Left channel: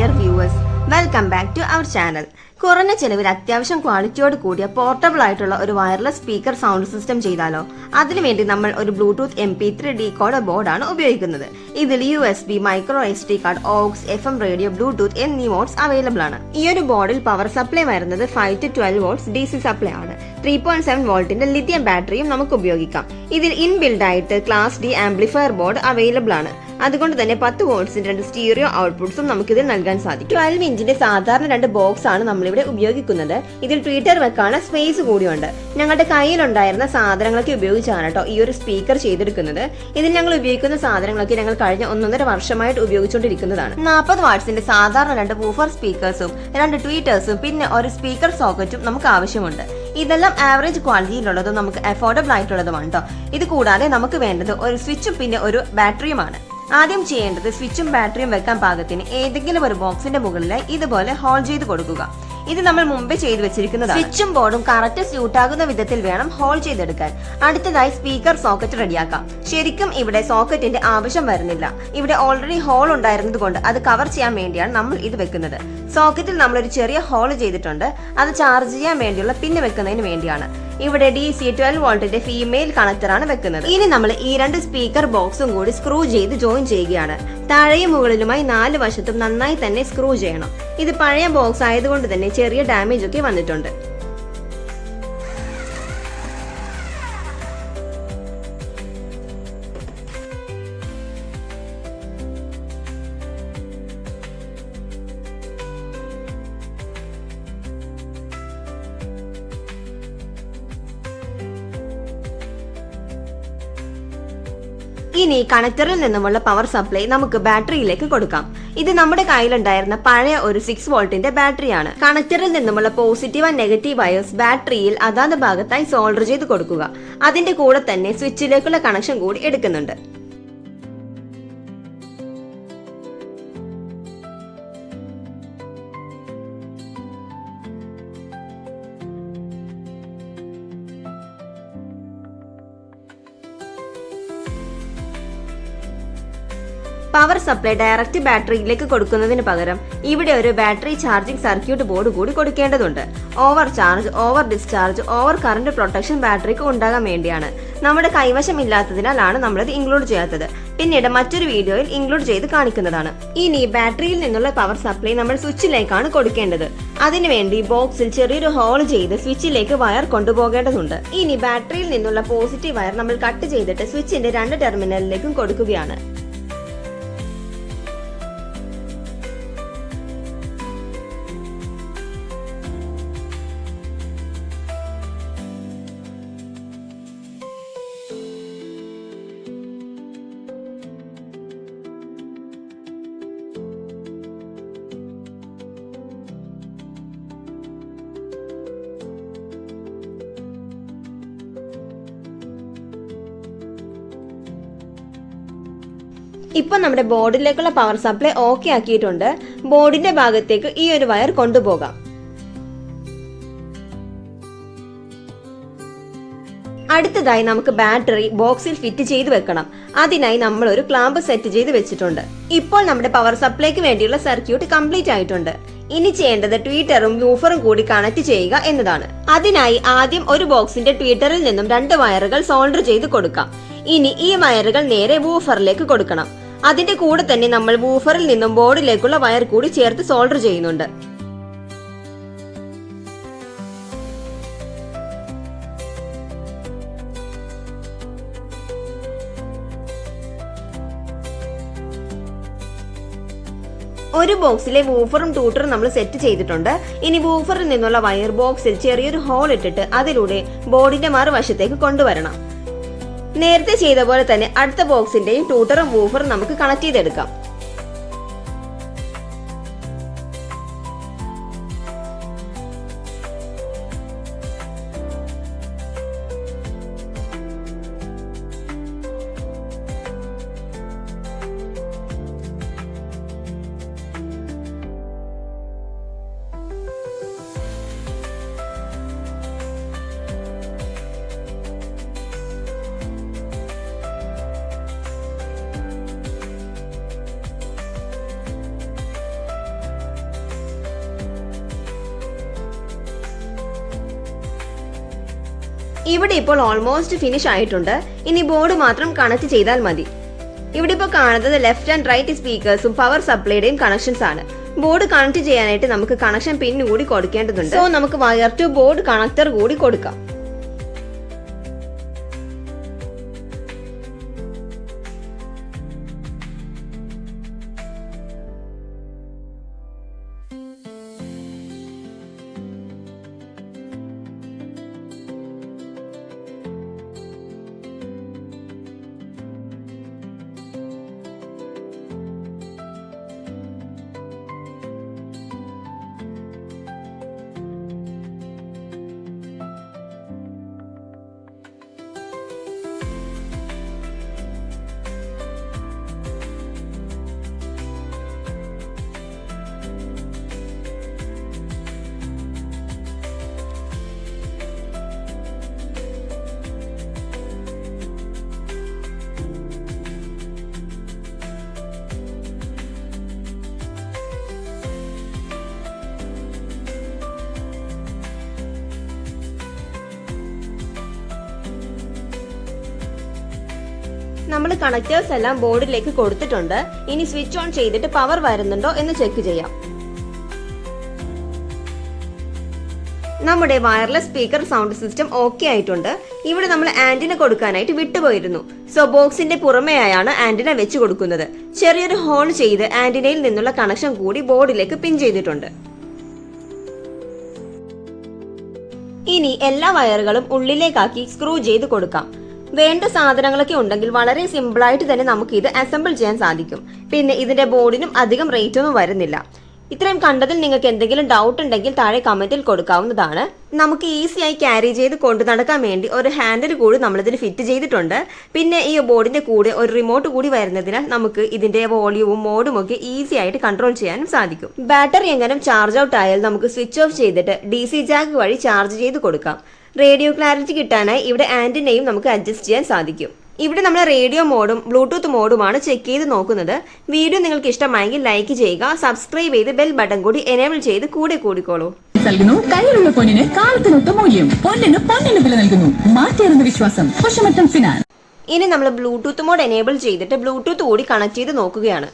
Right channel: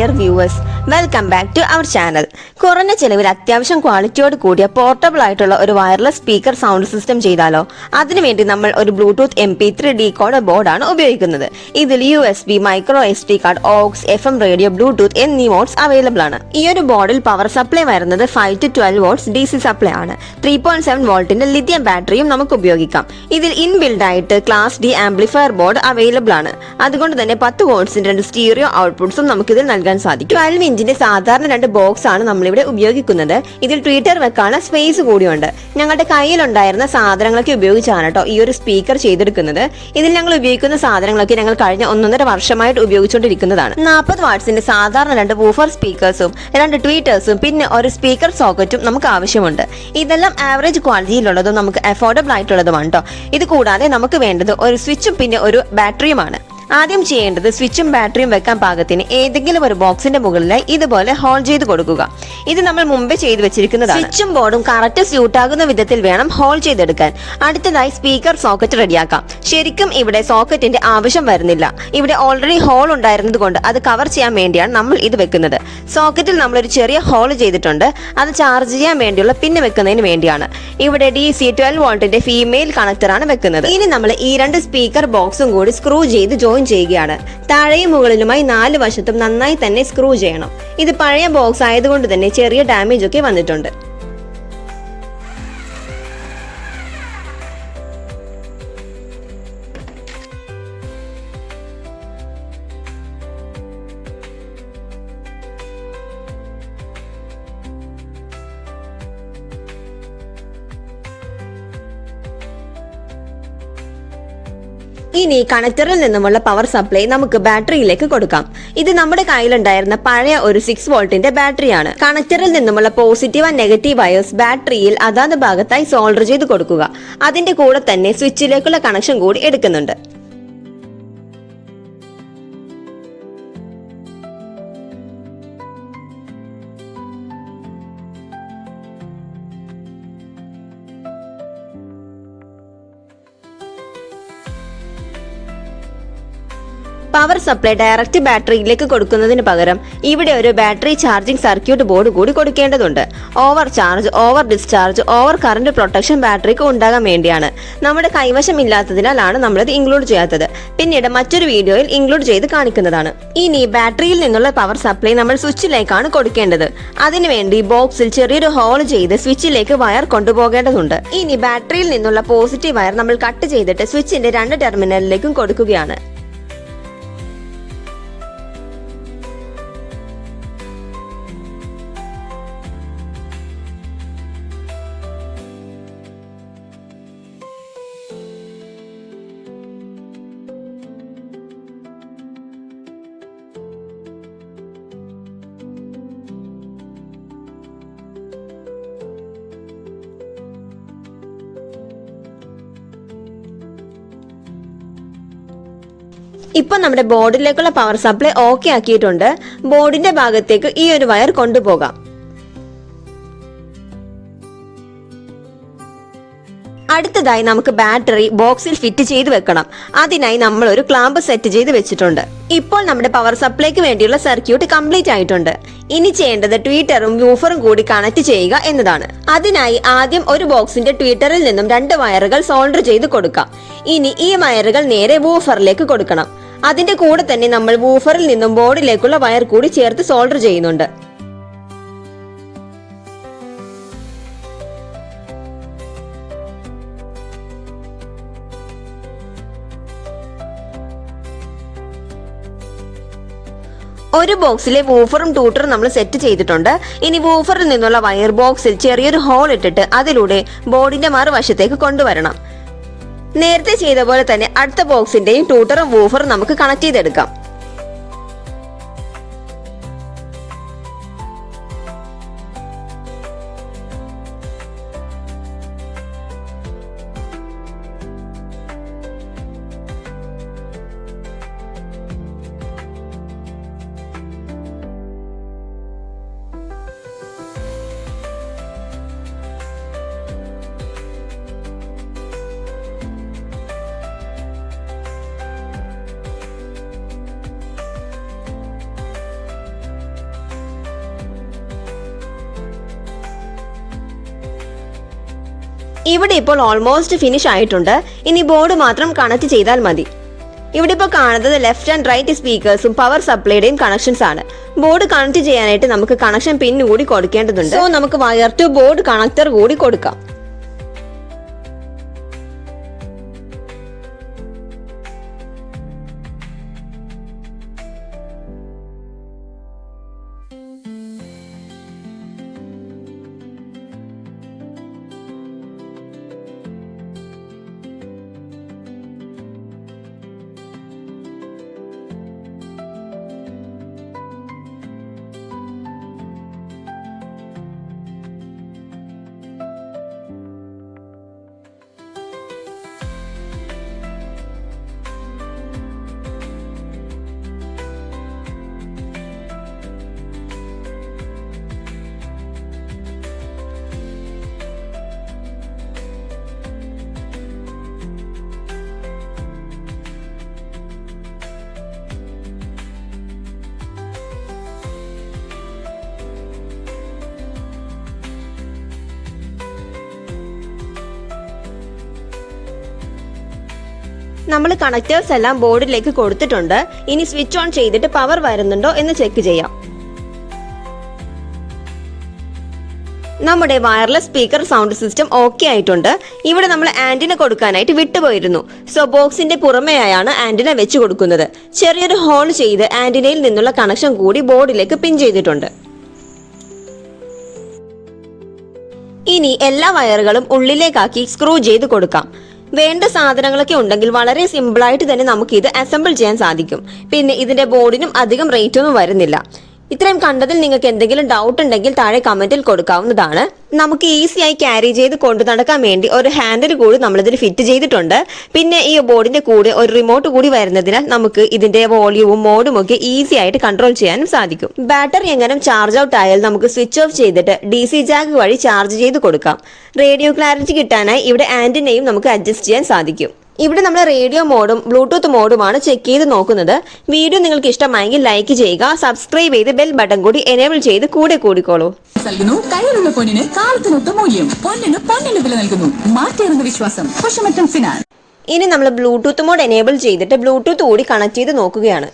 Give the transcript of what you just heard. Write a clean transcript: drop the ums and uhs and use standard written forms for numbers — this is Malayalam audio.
Dear viewers, welcome back to our channel. കുറഞ്ഞ ചെലവിൽ അത്യാവശ്യം ക്വാളിറ്റിയോട് കൂടിയ പോർട്ടബിൾ ആയിട്ടുള്ള ഒരു വയർലെസ് സ്പീക്കർ സൗണ്ട് സിസ്റ്റം ചെയ്താലോ? അതിനുവേണ്ടി നമ്മൾ ഒരു ബ്ലൂടൂത്ത് MP3 ഡീകോഡർ ബോർഡാണ് ഉപയോഗിക്കുന്നത്. ഇതിൽ USB, micro SD card, aux, FM radio, bluetooth എന്നീ മോഡ്സ് അവൈലബിൾ ആണ്. ഈ ഒരു ബോർഡിൽ പവർ സപ്ലൈ വരുന്നത് 5 to 12 വോൾട്ട്സ് DC സപ്ലൈ ആണ്. 3.7 വോൾട്ടിന്റെ ലിഥിയം ബാറ്ററിയും നമുക്ക് ഉപയോഗിക്കാം. ഇതിൽ ഇൻബിൽഡ് ആയിട്ട് class D amplifier board available ആണ്. അതുകൊണ്ട് തന്നെ 10 വോൾട്ട്സിന്റെ 2 സ്റ്റീരിയോ ഔട്ട്പുട്ട്സും നമുക്ക് ഇതിൽ നൽകാൻ സാധിക്കും. 12 ഇഞ്ചിന്റെ സാധാരണ 2 ബോക്സ് ആണ് നമ്മളിവിടെ ഉപയോഗിക്കുന്നത്. ഇതിൽ ട്വീറ്റർ വെക്കാനുള്ള സ്പേസ് കൂടിയുണ്ട്. ഞങ്ങളുടെ കയ്യിലുണ്ടായിരുന്ന സാധനങ്ങളൊക്കെ ഉപയോഗിച്ചാണ് കേട്ടോ ഈ ഒരു സ്പീക്കർ ചെയ്തെടുക്കുന്നത്. ഇതിൽ ഞങ്ങൾ ഉപയോഗിക്കുന്ന സാധനങ്ങളൊക്കെ ഞങ്ങൾ കഴിഞ്ഞ 1.5 വർഷമായിട്ട് ഉപയോഗിച്ചുകൊണ്ടിരിക്കുന്നതാണ്. 40 വാട്ട്സിന്റെ സാധാരണ 2 വൂഫർ സ്പീക്കേഴ്സും 2 ട്വീറ്റേഴ്സും പിന്നെ ഒരു സ്പീക്കർ സോക്കറ്റും നമുക്ക് ആവശ്യമുണ്ട്. ഇതെല്ലാം ആവറേജ് ക്വാളിറ്റിയിലുള്ളതും നമുക്ക് അഫോർഡബിൾ ആയിട്ടുള്ളതുമാണ് കേട്ടോ. ഇത് കൂടാതെ നമുക്ക് വേണ്ടത് ഒരു സ്വിച്ചും പിന്നെ ഒരു ബാറ്ററിയുമാണ്. ആദ്യം ചെയ്യേണ്ടത് സ്വിച്ചും ബാറ്ററിയും വെക്കാൻ പാകത്തിന് ഏതെങ്കിലും ഒരു ബോക്സിന്റെ മുകളിലായി ഇതുപോലെ ഹോൾ ചെയ്ത് കൊടുക്കുക. ഇത് നമ്മൾ മുമ്പേ ചെയ്തു വെച്ചിരിക്കുന്നതാണ്. സ്വിച്ചും ബോർഡും കറക്റ്റ് സ്യൂട്ട് ആകുന്ന വിധത്തിൽ വേണം ഹോൾ ചെയ്തെടുക്കാൻ. അടുത്തതായി സ്പീക്കർ സോക്കറ്റ് റെഡിയാക്കാം. ശരിക്കും ഇവിടെ സോക്കറ്റിന്റെ ആവശ്യം വരുന്നില്ല. ഇവിടെ ഓൾറെഡി ഹോൾ ഉണ്ടായിരുന്നത് കൊണ്ട് അത് കവർ ചെയ്യാൻ വേണ്ടിയാണ് നമ്മൾ ഇത് വെക്കുന്നത്. സോക്കറ്റിൽ നമ്മൾ ഒരു ചെറിയ ഹോൾ ചെയ്തിട്ടുണ്ട്. അത് ചാർജ് ചെയ്യാൻ വേണ്ടിയുള്ള പിന്ന് വെക്കുന്നതിന് വേണ്ടിയാണ്. ഇവിടെ DC 12 വോൾട്ടിന്റെ ഫീമെയിൽ കണക്ടറാണ് വെക്കുന്നത്. ഇനി നമ്മൾ ഈ 2 സ്പീക്കർ ബോക്സും കൂടി സ്ക്രൂ ചെയ്ത് ജോയിൻ ചെയ്യുകയാണ്. താഴെയും മുകളിലുമായി 4 വശത്തും നന്നായി തന്നെ സ്ക്രൂ ചെയ്യണം. ഇത് പഴയ ബോക്സ് ആയതുകൊണ്ട് തന്നെ ചെറിയ ഡാമേജ് ഒക്കെ വന്നിട്ടുണ്ട്. ഇനി കണക്ടറിൽ നിന്നുമുള്ള പവർ സപ്ലൈ നമുക്ക് ബാറ്ററിയിലേക്ക് കൊടുക്കാം. ഇത് നമ്മുടെ കയ്യിലുണ്ടായിരുന്ന പഴയ ഒരു 6 വോൾട്ടിന്റെ ബാറ്ററിയാണ്. കണക്ടറിൽ നിന്നുമുള്ള പോസിറ്റീവ് ആൻഡ് നെഗറ്റീവ് വയേഴ്സ് ബാറ്ററിയിൽ അതാത് ഭാഗത്തായി സോൾഡർ ചെയ്ത് കൊടുക്കുക. അതിന്റെ കൂടെ തന്നെ സ്വിച്ചിലേക്കുള്ള കണക്ഷൻ കൂടി എടുക്കുന്നുണ്ട്. പവർ സപ്ലൈ ഡയറക്റ്റ് ബാറ്ററിയിലേക്ക് കൊടുക്കുന്നതിന് പകരം ഇവിടെ ഒരു ബാറ്ററി ചാർജിംഗ് സർക്യൂട്ട് ബോർഡ് കൂടി കൊടുക്കേണ്ടതുണ്ട്. Over charge, over discharge, over current protection ബാറ്ററിക്ക് ഉണ്ടാകാൻ വേണ്ടിയാണ്. നമ്മുടെ കൈവശം ഇല്ലാത്തതിനാലാണ് നമ്മളിത് ഇൻക്ലൂഡ് ചെയ്യാത്തത്. പിന്നീട് മറ്റൊരു വീഡിയോയിൽ ഇൻക്ലൂഡ് ചെയ്ത് കാണിക്കുന്നതാണ്. ഇനി ബാറ്ററിയിൽ നിന്നുള്ള പവർ സപ്ലൈ നമ്മൾ സ്വിച്ചിലേക്കാണ് കൊടുക്കേണ്ടത്. അതിനുവേണ്ടി ബോക്സിൽ ചെറിയൊരു ഹോൾ ചെയ്ത് സ്വിച്ചിലേക്ക് വയർ കൊണ്ടുപോകേണ്ടതുണ്ട്. ഇനി ബാറ്ററിയിൽ നിന്നുള്ള പോസിറ്റീവ് വയർ നമ്മൾ കട്ട് ചെയ്തിട്ട് സ്വിച്ചിന്റെ 2 ടെർമിനലിലേക്കും കൊടുക്കുകയാണ്. ഇപ്പൊ നമ്മുടെ ബോർഡിലേക്കുള്ള പവർ സപ്ലൈ ഓക്കെ ആക്കിയിട്ടുണ്ട്. ബോർഡിന്റെ ഭാഗത്തേക്ക് ഈ ഒരു വയർ കൊണ്ടുപോകാം. അടുത്തതായി നമുക്ക് ബാറ്ററി ബോക്സിൽ ഫിറ്റ് ചെയ്ത് വെക്കണം. അതിനായി നമ്മൾ ഒരു ക്ലാമ്പ് സെറ്റ് ചെയ്ത് വെച്ചിട്ടുണ്ട്. ഇപ്പോൾ നമ്മുടെ പവർ സപ്ലൈക്ക് വേണ്ടിയുള്ള സർക്യൂട്ട് കംപ്ലീറ്റ് ആയിട്ടുണ്ട്. ഇനി ചെയ്യേണ്ടത് ട്വീറ്ററും വൂഫറും കൂടി കണക്ട് ചെയ്യുക എന്നതാണ്. അതിനായി ആദ്യം ഒരു ബോക്സിന്റെ ട്വീറ്ററിൽ നിന്നും 2 വയറുകൾ സോൾഡർ ചെയ്ത് കൊടുക്കാം. ഇനി ഈ വയറുകൾ നേരെ വൂഫറിലേക്ക് കൊടുക്കണം. അതിന്റെ കൂടെ തന്നെ നമ്മൾ വൂഫറിൽ നിന്നും ബോർഡിലേക്കുള്ള വയർ കൂടി ചേർത്ത് സോൾഡർ ചെയ്യുന്നുണ്ട്. ഒരു ബോക്സിലെ വൂഫറും ട്യൂട്ടറും നമ്മൾ സെറ്റ് ചെയ്തിട്ടുണ്ട്. ഇനി വൂഫറിൽ നിന്നുള്ള വയർ ബോക്സിൽ ചെറിയൊരു ഹോൾ ഇട്ടിട്ട് അതിലൂടെ ബോർഡിന്റെ മറുവശത്തേക്ക് കൊണ്ടുവരണം. നേരത്തെ ചെയ്ത പോലെ തന്നെ അടുത്ത ബോക്സിന്റെയും ട്യൂട്ടറും വൂഫറും നമുക്ക് കണക്ട് ചെയ്തെടുക്കാം. ഇവിടെ ഇപ്പോൾ ഓൾമോസ്റ്റ് ഫിനിഷ് ആയിട്ടുണ്ട്. ഇനി ബോർഡ് മാത്രം കണക്ട് ചെയ്താൽ മതി. ഇവിടെ ഇപ്പോൾ കാണുന്നത് ലെഫ്റ്റ് ആൻഡ് റൈറ്റ് സ്പീക്കേഴ്സും പവർ സപ്ലൈയുടെയും കണക്ഷൻസ് ആണ്. ബോർഡ് കണക്ട് ചെയ്യാനായിട്ട് നമുക്ക് കണക്ഷൻ പിൻ കൂടി കൊടുക്കേണ്ടതുണ്ട്. സോ നമുക്ക് വയർ ടു ബോർഡ് കണക്ടർ കൂടി കൊടുക്കാം. നമ്മൾ കണക്ടേഴ്സ് എല്ലാം ബോർഡിലേക്ക് കൊടുത്തിട്ടുണ്ട്. ഇനി സ്വിച്ച് ഓൺ ചെയ്തിട്ട് പവർ വരുന്നുണ്ടോ എന്ന് ചെക്ക് ചെയ്യാം. നമ്മുടെ wireless speaker sound system okay ആയിട്ടുണ്ട്. ഇവിടെ നമ്മൾ ആന്റിന കൊടുക്കാനായിട്ട് വിട്ടുപോയിരുന്നു. സോ ബോക്സിന്റെ പുറമെയായാണ് ആന്റിന വെച്ച് കൊടുക്കുന്നത്. ചെറിയൊരു ഹോൾ ചെയ്ത് ആന്റിനയിൽ നിന്നുള്ള കണക്ഷൻ കൂടി ബോർഡിലേക്ക് പിൻ ചെയ്തിട്ടുണ്ട്. ഇനി എല്ലാ വയറുകളും ഉള്ളിലേക്കാക്കി സ്ക്രൂ ചെയ്ത് കൊടുക്കാം. വേണ്ട സാധനങ്ങളൊക്കെ ഉണ്ടെങ്കിൽ വളരെ സിമ്പിളായിട്ട് തന്നെ നമുക്ക് ഇത് അസംബിൾ ചെയ്യാൻ സാധിക്കും. പിന്നെ ഇതിന്റെ ബോർഡിനും അധികം റേറ്റ് ഒന്നും വരുന്നില്ല. ഇത്രയും കണ്ടതിൽ നിങ്ങൾക്ക് എന്തെങ്കിലും ഡൗട്ട് ഉണ്ടെങ്കിൽ താഴെ കമന്റിൽ കൊടുക്കാവുന്നതാണ്. നമുക്ക് ഈസിയായി ക്യാരി ചെയ്ത് കൊണ്ടു നടക്കാൻ വേണ്ടി ഒരു ഹാൻഡിൽ കൂടി നമ്മളിതിൽ ഫിറ്റ് ചെയ്തിട്ടുണ്ട്. പിന്നെ ഈ ബോർഡിന്റെ കൂടെ ഒരു റിമോട്ട് കൂടി വരുന്നതിനാൽ നമുക്ക് ഇതിന്റെ വോള്യൂവും മോഡും ഒക്കെ ഈസി ആയിട്ട് കൺട്രോൾ ചെയ്യാനും സാധിക്കും. ബാറ്ററി എങ്ങനെ ചാർജ് ഔട്ട് ആയാൽ നമുക്ക് സ്വിച്ച് ഓഫ് ചെയ്തിട്ട് DC ജാക്ക് വഴി ചാർജ് ചെയ്ത് കൊടുക്കാം. റേഡിയോ ക്ലാരിറ്റി കിട്ടാനായി ഇവിടെ ആന്റിനയും നമുക്ക് അഡ്ജസ്റ്റ് ചെയ്യാൻ സാധിക്കും. ഇവിടെ നമ്മൾ റേഡിയോ മോഡും ബ്ലൂടൂത്ത് മോഡുമാണ് ചെക്ക് ചെയ്ത് നോക്കുന്നത്. വീഡിയോ നിങ്ങൾക്ക് ഇഷ്ടമായെങ്കിൽ ലൈക്ക് ചെയ്യുക, സബ്സ്ക്രൈബ് ചെയ്ത് ബെൽ ബട്ടൺ കൂടി എനേബിൾ ചെയ്ത് കൂടെ കൂടിക്കോളൂ. കയ്യിലുള്ള പൊന്നിന് കാലത്തിനൊത്ത മൂല്യം, പൊന്നിന് വില നൽകുന്നു. മാറ്റേറുന്ന വിശ്വാസം ഫിനാൻസ്. ഇനി നമ്മൾ ബ്ലൂടൂത്ത് മോഡ് എനേബിൾ ചെയ്തിട്ട് ബ്ലൂടൂത്ത് കൂടി കണക്ട് ചെയ്ത് നോക്കുകയാണ്.